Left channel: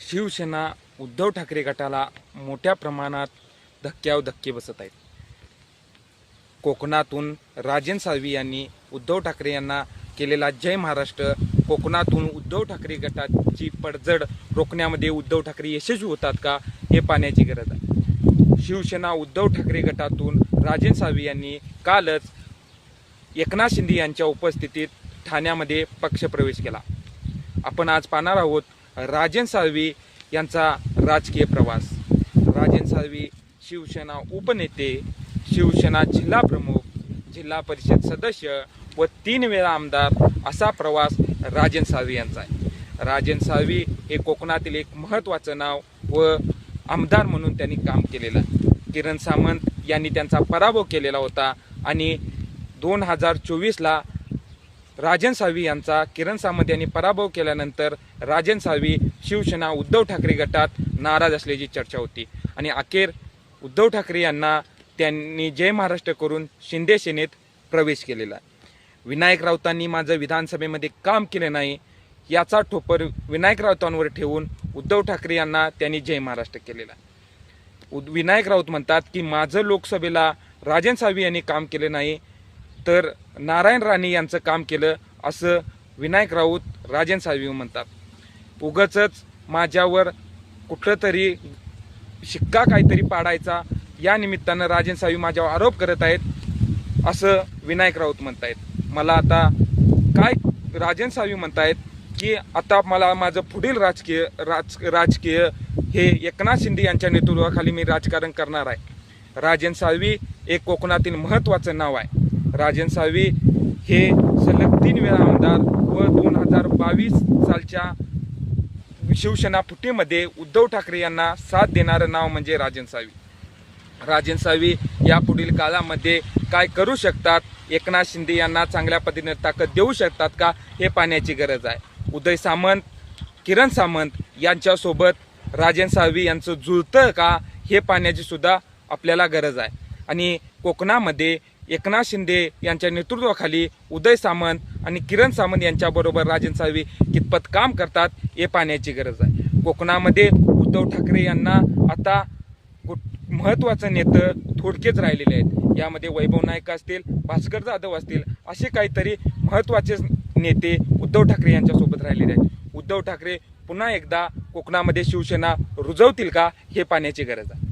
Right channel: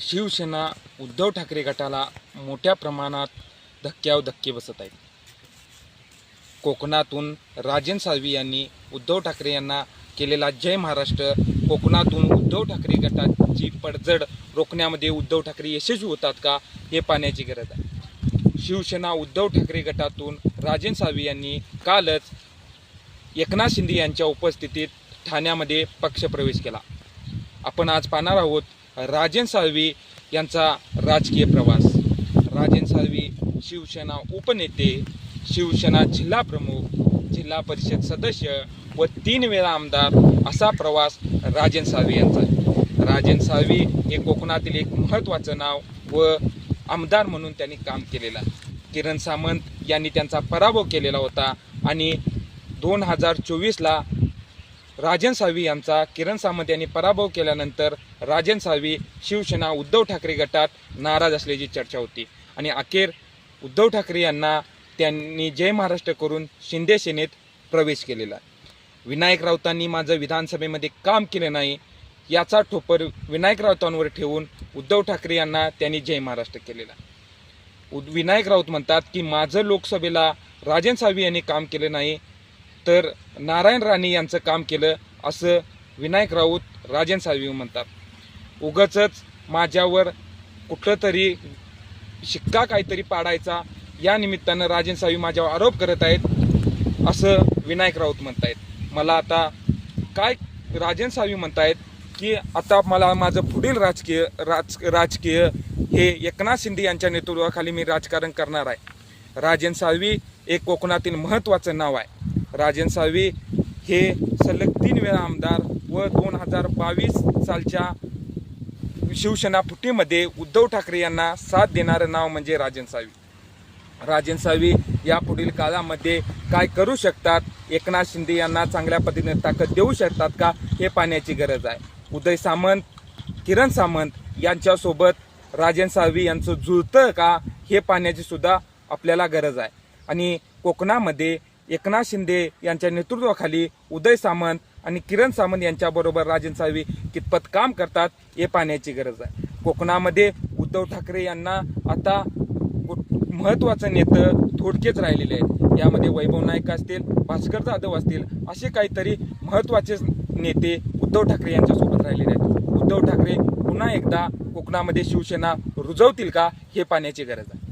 शिवसेना उद्धव ठाकरे गटाला मोठ्या प्रमाणात धक्क्याव धक्के बसत आहेत. कोकणातून राजन साळवी यांनी उद्धव ठाकरे यांना केलेला जय महाराष्ट्र कोकणातून उद्धव ठाकरे गटाची पडझड रोखण्यामध्ये उद्धव ठाकरे यशस्वी होतात का हे पाहण्याची गरज आहे. शिवसेना उद्धव ठाकरे गटातून राजन साळवी यांनी कालच एकनाथ शिंदे यांच्या उपस्थितीत ठाण्यामध्ये पक्षप्रवेश केला. आपण आज पाहणार आहोत राजन साळवी यांचा राजकीय प्रवास. राजन साळवी शिवसेना उपनेते शिवसेना जिल्हा प्रमुख जिल्हा परिषद सदस्य व तीन वेळा आमदार असा प्रवास राजन साळवी यांचा आहे. राजन साळवी हे कोकणातील एक महत्त्वाचं नाव व आमदार म्हणून त्यांनी काम केलेलं आहे. किरण सामंत यांनी त्यांचा पराभव केलेला होता आणि दोन हजार चोवीसला राजन साळवी यांचा किरण सामंत यांनी पराभव केल्यानंतर राजन साळवी शिवसेना उद्धव ठाकरे गटात नाराज असल्याची चर्चा होती. आणि अखेर उद्धव ठाकरे यांना त्यांनी जय महाराष्ट्र करून शिंदे सेनेत प्रवेश केलेला. विनायक राऊतांनी माझं विधानसभेमध्ये काम केले नाही याचा ठोपर विनायक राऊतांवर ठेवून उद्धव ठाकरे यांना त्यांनी जय महाराष्ट्र केलेला. उद- विनायक राऊत म्हणतात की माझं लोकसभेला राजन साळवी यांनी काम केले नाही तर नारायण राणे यांचं काम केलं असं विनायक राऊत राजन साळवी म्हणतात. उगच माझ्यावर कुठलं तरी शिक्का काहीतरी पाडायचा या निमित्तानं राजन साळवी माझ्यावर आरोप करत आहेत असं विनायक राऊत म्हणतायत. मला आता काय राजन साळवी म्हणतायत की आता मला माझं पुढील राजकीय राज राजकीय हे एकनाथ शिंदे यांच्या नेतृत्वाखाली मी राजकारण करणार आहे. राजन साळवी एक कोकणातील महत्त्वाचं नाव आहे. राजन साळवी हे सलग तीन वेळा आमदार व दोन हजार बावीस सालच्या शिवसेना फुटीमध्ये उद्धव ठाकरे यांना साथ देणारं नाव म्हणजे राजन साळवी. राजन साळवी यापुढील काळामध्ये काय करू शकतात? एकनाथ शिंदे यांना चांगल्या पद्धतीने ताकद देऊ शकतात का? हे पाहण्याची गरज आहे. उदय सामंत किरण सामंत यांच्यासोबत राजन साळवी यांचं जुळतं का? हे पाहण्याची सुद्धा आपल्याला गरज आहे. आणि कोकणामध्ये एकनाथ शिंदे यांच्या नेतृत्वाखाली उदय सामंत आणि किरण सामंत यांच्याबरोबर राजन साळवी कितपत काम करतात हे पाहण्याची गरज आहे. कोकणामध्ये उद्धव ठाकरे यांना आता कुठ- महत्त्वाचं नेतं थोडकेच राहिलेले आहेत. यामध्ये वैभव नाईक असतील भास्कर जाधव असतील असे काहीतरी महत्त्वाचे नेते उद्धव ठाकरे यांच्यासोबत राहिलेले आहेत. उद्धव ठाकरे पुन्हा एकदा कोकणामध्ये शिवसेना रुजवतील का हे पाहण्याची गरज आहे.